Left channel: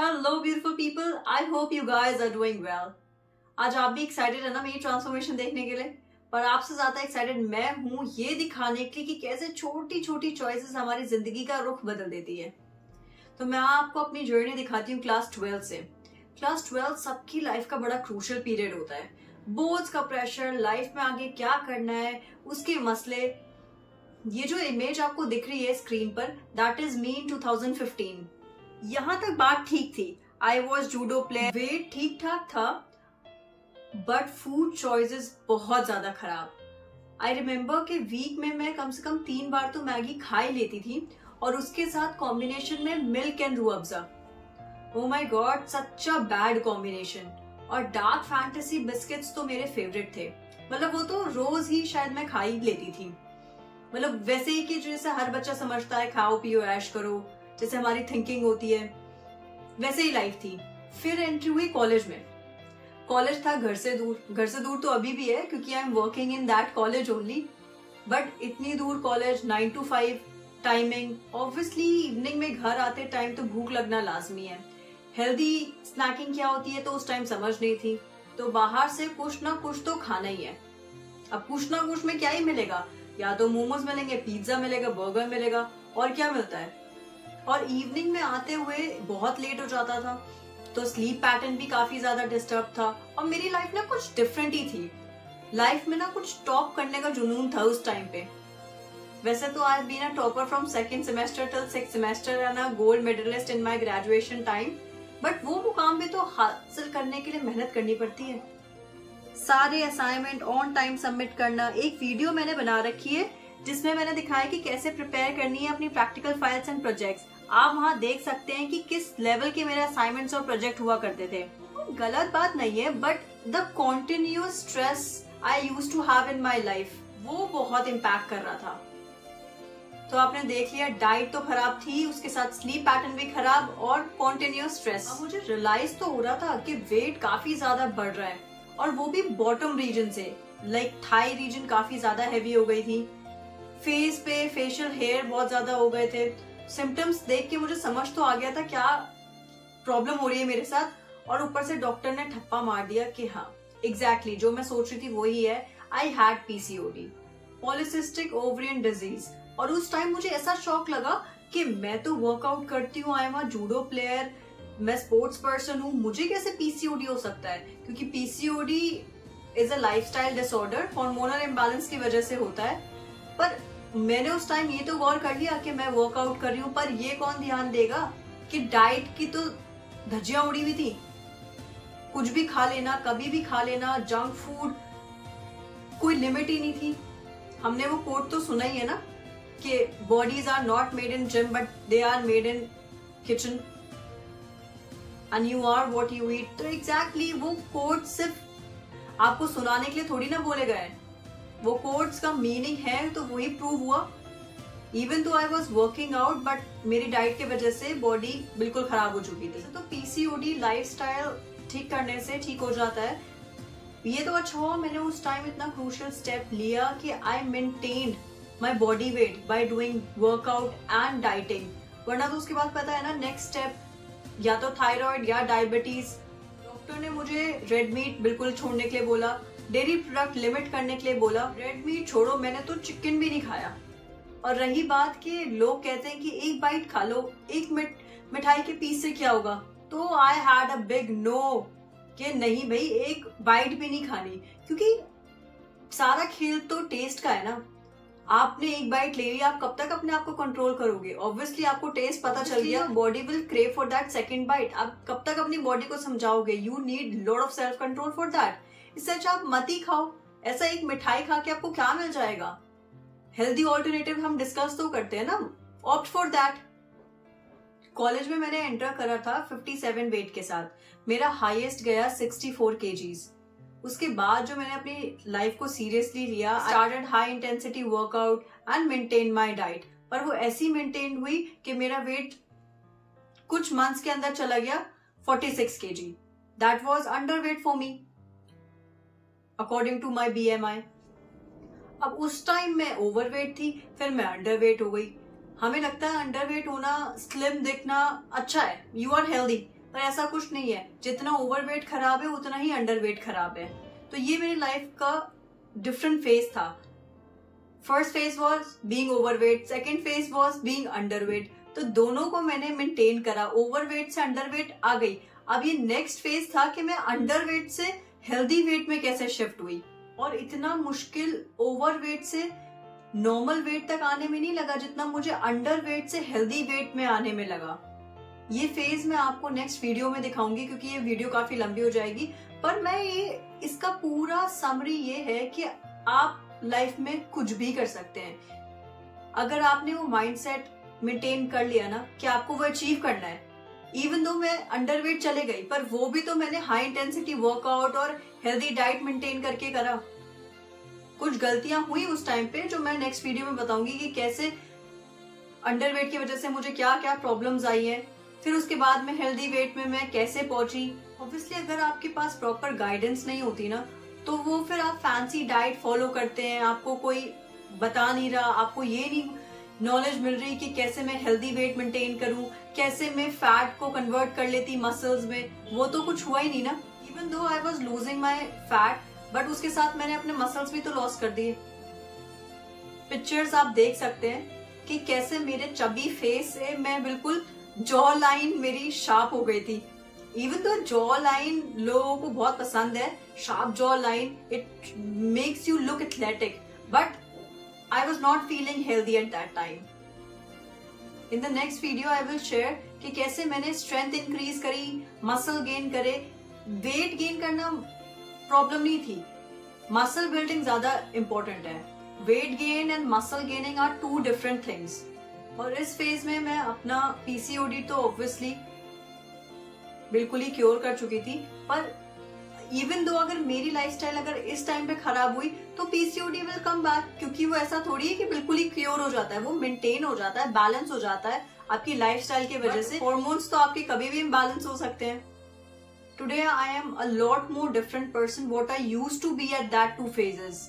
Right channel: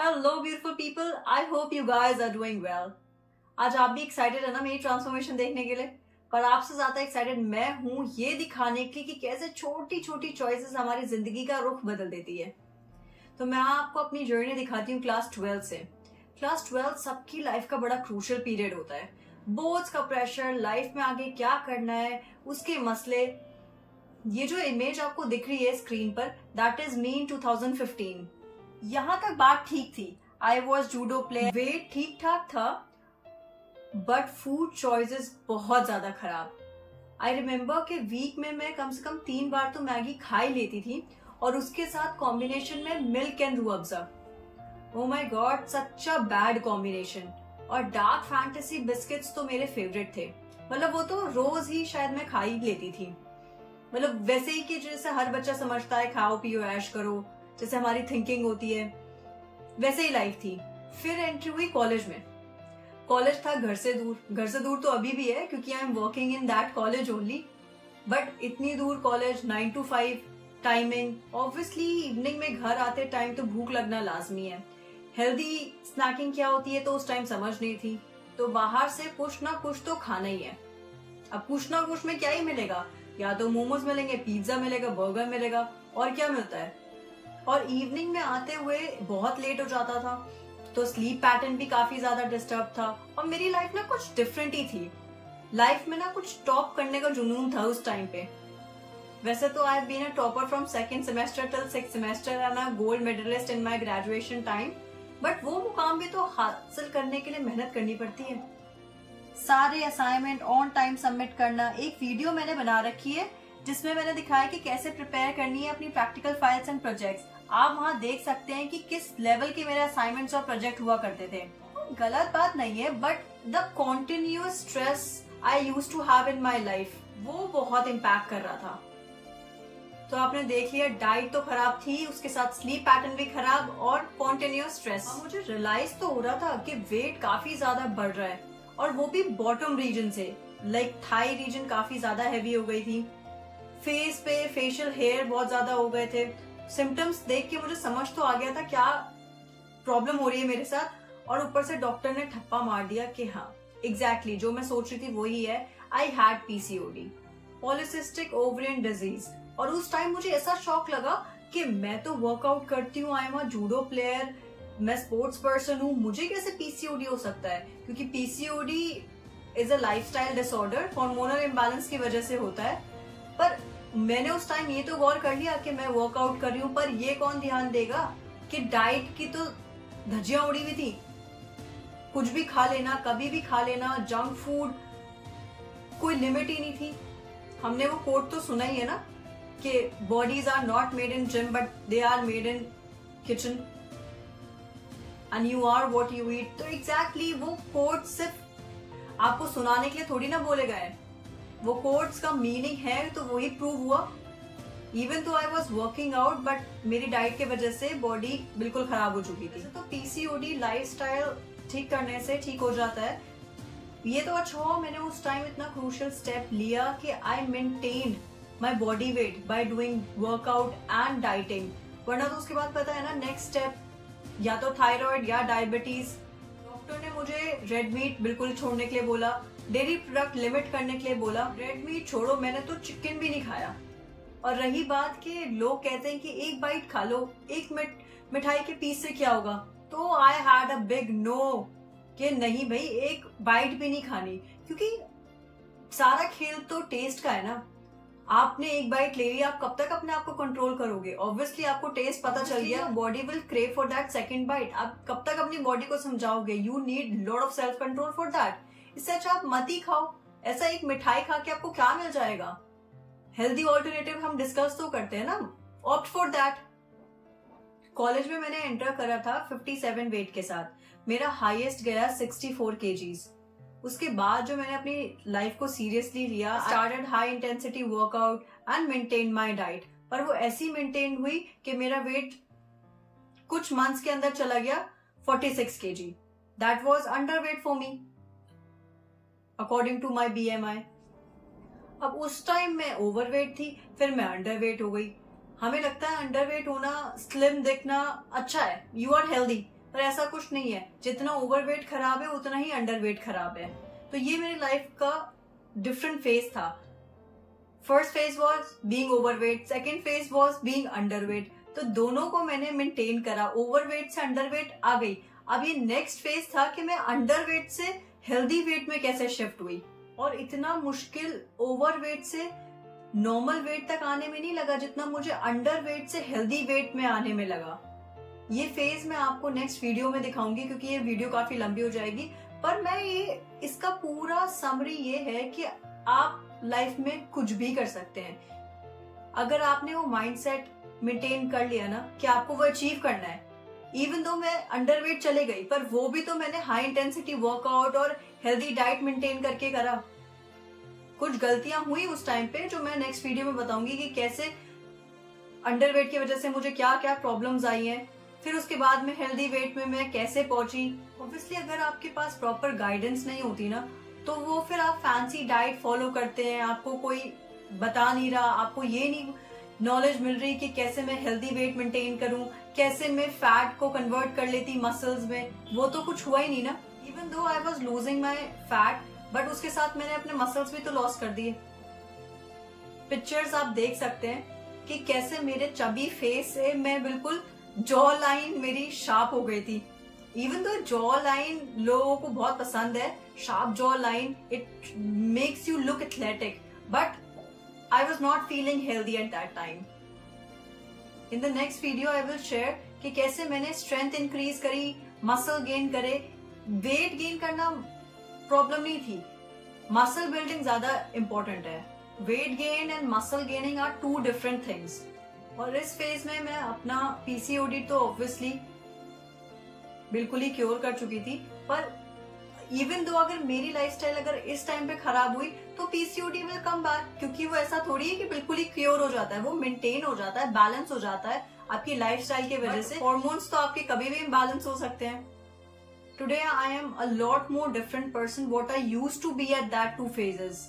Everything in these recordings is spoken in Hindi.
Hello beautiful people, I hope you guys are doing well. आज आप भी एक्साइटेड है ना मेरी ट्रांसफॉर्मेशन देखने के लिए, पर आपसे ज्यादा एक्साइटेड मैं हूँ ये दिखाने के लिए कि कैसे छोटी छोटी चॉइसेस हमारी जिंदगी का रुख बदल देती है। तो मैं आपको अपनी जर्नी दिखाती हूँ क्लास 12 से। क्लास 12 सबकी लाइफ का बड़ा क्रूशियल पीरियड होता है। बोर्ड्स का प्रेशर, लाइफ में आगे क्या करना है उसके मसले। ये जो इमेज आपको दिख रही है स्क्रीन पर, दैट इज मी इन 2015। यहां तक बात ठीक थी। I was judo player, weight ठीक ठाक था, बट फूड चॉइसेस बहुत ज्यादा खराब। आई रिमेम्बर कि वीक में मैं कम से कम 3 बार तो मैगी खा ही लेती थी, और उसके साथ कॉम्बिनेशन में milk and Rooh Afza. Oh my God, such a bad combination. और डार्क फैंटेसी बिस्किट्स तो मेरे फेवरेट थे। मतलब वो तो रोज ही शायद मैं खा ही लेती थी। मतलब वैसे ही कि जैसे हर बच्चा समझता है खाओ पियो ऐश करो, जैसे हमारी थिंकिंग होती है, वैसे ही लाइफ थी। फिर एंट्री हुई कॉलेज में। कॉलेज था घर से दूर तो अभी भी है क्योंकि I am working in that college only. But इतनी दूर college, 9 to 5 timing. Obviously evening में घर आते टाइम तो भूख लगना लाजमी है। हेल्दी स्नैकिंग क्या होती है तो उस टाइम समझ नहीं थी, तो बाहर से कुछ ना कुछ तो खाना ही है। अब कुछ ना कुछ में क्या ही मिलेगा, या तो मोमोज मिलेंगे, पिज्जा मिलेगा, बर्गर मिलेगा, और क्या मिलता है। और इवनिंग में आते हुए बहुत लेट हो जाता था, तो स्लीप पैटर्न भी काफी ज्यादा डिस्टर्ब था। और मेरी लाइफ ना कुछ डिफरेंट ही थी। लाइफ में ना कुछ टॉप करने का जुनून था उस टाइम पे। वैसे तो I have been a topper from 2nd semester till 6th semester and a gold medalist in my graduation time, but वो मुकाम भी तो हासिल करने के लिए मेहनत करनी पड़ती है। सारे असाइनमेंट ऑन टाइम सबमिट करना। एक वीडियो मैंने बना रखी है जिसमें मैंने दिखाया कि कैसे प्रिपेयर करनी है अपनी प्रैक्टिकल फाइल्स एंड प्रोजेक्ट्स। आप वहां देख सकते हैं कि किस लेवल के मेरे असाइनमेंट्स और प्रोजेक्ट हुआ करते थे। गलत बात नहीं है, but the continuous stress I used to have in my life, वो बहुत इम्पैक्ट कर रहा था। तो आपने देख लिया, डाइट तो खराब थी, उसके साथ स्लीप पैटर्न भी खराब और कॉन्टिन्यूअस स्ट्रेस। अब मुझे रियलाइज तो हो रहा था कि वेट काफी ज्यादा बढ़ रहा है, और वो भी बॉटम रीजन से। लाइक थाई रीजन काफी ज्यादा हैवी हो गई थी, फेस पे फेशियल हेयर बहुत ज्यादा हो गए थे। सिम्टम्स देख के मुझे समझ तो आ गया था क्या प्रॉब्लम हो रही है मेरे साथ, और ऊपर से डॉक्टर ने ठप्पा मार दिया कि हाँ एग्जैक्टली जो मैं सोच रही थी वही है। I had PCOD, polycystic ovarian disease. और उस टाइम मुझे ऐसा शॉक लगा कि मैं तो वर्कआउट करती हूँ, आई एम अ जूडो प्लेयर, मैं स्पोर्ट्स पर्सन हूँ, मुझे कैसे PCOD हो सकता है। क्योंकि PCOD is a lifestyle disorder, hormonal imbalance की वजह से होता है। पर मैंने उस टाइम ये तो गौर कर लिया कि मैं वर्कआउट कर रही हूँ, पर ये कौन ध्यान देगा कि डाइट की तो धज्जियां उड़ी हुई थी। कुछ भी खा लेना, कभी भी खा लेना, जंक फूड, कोई लिमिट ही नहीं थी। हमने वो कोट तो सुना ही है ना कि bodies are not made in gym but they are made in kitchen and you are what you eat. तो एग्जैक्टली वो कोट सिर्फ आपको सुनाने के लिए थोड़ी ना बोले गए, वो कोट्स का मीनिंग है तो वही प्रूव हुआ। इवन तो I was working out, but मेरी डाइट के वजह से बॉडी बिल्कुल खराब हो चुकी थी। तो PCOD लाइफस्टाइल ठीक करने से ठीक हो जाता है। ये तो अच्छा हुआ मैंने उस टाइम इतना क्रूशियल स्टेप लिया कि I maintained my body weight by doing workout and dieting. वरना तो उसके बाद पता है ना नेक्स्ट स्टेप या तो थायराइड या डायबिटीज। डॉक्टर ने मुझे रेड मीट बिल्कुल छोड़ने के लिए बोला, डेयरी प्रोडक्ट लिमिट करने के लिए बोला। रेड मीट छोड़ो, मैंने तो चिकन भी नहीं खाया। और रही बात कि लोग कहते हैं कि एक बाइट खा लो, एक मिठाई के पीस से क्या होगा, तो I had a big no कि नहीं भाई, एक बाइट भी नहीं खानी। क्योंकि सारा खेल तो टेस्ट का है ना। आपने एक बाइट ले ली, आप कब तक अपने आप को कंट्रोल करोगे। ऑब्वियसली आपको टेस्ट पता चल गया, body will crave for that second bite. आप कब तक अपनी बॉडी को समझाओगे। You need lot of self control for that. इससे अच्छा आप मत ही खाओ। ऐसा एक मिठाई खा के आपको क्या मिल जाएगा। हेल्दी ऑल्टरनेटिव हम डिस्कस तो करते हैं ना, ऑप्ट फॉर दैट। कॉलेज में मैंने एंटर करा था 57 वेट के साथ, मेरा हाईएस्ट गया 64 kgs। उसके बाद जो मैंने अपनी लाइफ को सीरियसली लिया, started high intensity workout and maintain my diet. पर वो ऐसी मेंटेन हुई कि मेरा वेट कुछ मंथ्स के अंदर चला गया 46 kg। That was underweight for me according to my BMI। अब उस टाइम मैं ओवरवेट थी, फिर मैं अंडरवेट हो गई। हमें लगता है अंडरवेट होना, स्लिम दिखना अच्छा है, यू आर हेल्दी, पर ऐसा कुछ नहीं है, जितना ओवरवेट खराब है उतना ही अंडरवेट खराब है। तो ये मेरी लाइफ का डिफरेंट फेज था। First phase was being overweight, second phase was being underweight. तो दोनों को मैंने मेंटेन करा, ओवरवेट से अंडरवेट आ गई। अब ये नेक्स्ट फेज था कि मैं अंडरवेट से हेल्दी वेट में कैसे शिफ्ट हुई। और इतना मुश्किल ओवरवेट से नॉर्मल वेट तक आने में नहीं लगा जितना मुझे अंडरवेट से हेल्दी वेट में आने में लगा। ये फेज मैं आपको नेक्स्ट वीडियो में दिखाऊंगी क्योंकि ये वीडियो काफी लंबी हो जाएगी। पर मैं इसका पूरा समरी ये है कि आप लाइफ में कुछ भी कर सकते हैं अगर आपने वो माइंडसेट मेंटेन कर लिया ना कि आपको वो अचीव करना है। इवन दो मैं अंडरवेट चले गई, पर वो भी तो मैंने हाई इंटेंसिटी वर्कआउट और हेल्दी डाइट मेंटेन करके करा। कुछ गलतियां हुई उस टाइम पे जो मैं नेक्स्ट वीडियो में बताऊंगी कि कैसे अंडरवेट की वजह से मुझे क्या क्या प्रॉब्लम्स आई हैं। फिर उसके बाद में हेल्दी वेट में मैं कैसे पहुंची। ऑब्वियसली अगर आपके पास प्रॉपर गाइडेंस नहीं होती ना तो वो फिर आप फैंसी डाइट फॉलो करते हैं, आपको कोई बता नहीं रहा, आपको ये नहीं नॉलेज मिल रही कि कैसे मैं हेल्दी वेट मेंटेन करूं, कैसे मैं फैट को कन्वर्ट कर लेती मसल्स में। वो तो कुछ हुआ ही नहीं ना। Even though I was losing my fat, but उसके साथ मैंने अपने मसल्स भी तो लॉस कर दिए। पिक्चर्स आप देख सकते हैं कि कैसे मेरे चबी फेस से मैं बिल्कुल जॉ लाइन मेरी शार्प हो गई थी। इवन तो जॉ लाइन लोगों को बहुत पसंद है, sharp jaw line, it makes you look athletic, but I was not feeling healthy at that time. In the next video I will share कि कैसे मैंने स्ट्रेंथ इंक्रीज करी, मसल गेन करे। वेट गेन करना प्रॉब्लम नहीं थी, मसल बिल्डिंग ज्यादा इंपॉर्टेंट है। Weight gain and muscle gaining are two different things. और इस फेज में मैं अपना पीसीओडी तो ऑब्वियसली बिल्कुल ही क्योर कर चुकी थी, पर इवन दो अगर मेरी लाइफस्टाइल अगर इस टाइम पे खराब हुई तो पीसीओडी विल कम बैक, क्योंकि वो ऐसा थोड़ी है कि बिल्कुल ही क्योर हो जाता है, वो मेंटेन हो जाता है, बैलेंस हो जाता है आपकी लाइफस्टाइल की वजह से। हॉर्मोन्स तो आपके कभी भी इम्बैलेंस हो सकते हैं। Today I am a lot more different person what I used to be at that two phases,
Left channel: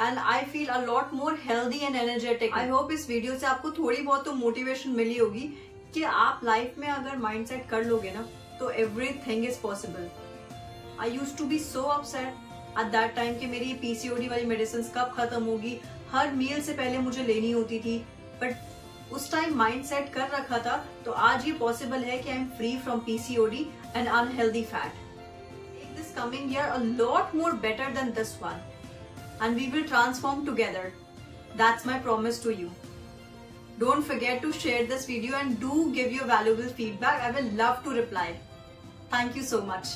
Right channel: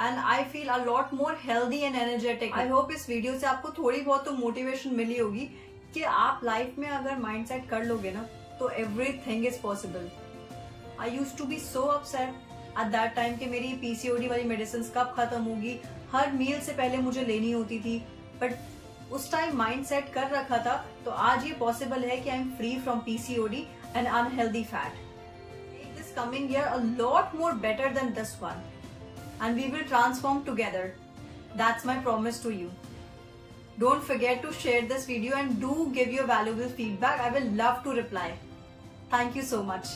and I feel a lot more healthy and energetic. I hope इस वीडियो से आपको थोड़ी बहुत तो मोटिवेशन मिली होगी कि आप लाइफ में अगर माइंडसेट कर लोगे ना तो everything is possible. I used to be so upset at that time कि मेरी पीसीओडी वाली मेडिसिन कब खत्म होगी, हर मील से पहले मुझे लेनी होती थी। बट उस टाइम माइंड सेट कर रखा था तो आज ये पॉसिबल है कि I am free from PCOD and unhealthy fat. Make this coming year a lot more better than this one and we will transform together. That's my promise to you. Don't forget to share this video and do give your valuable feedback. I will love to reply. Thank you so much.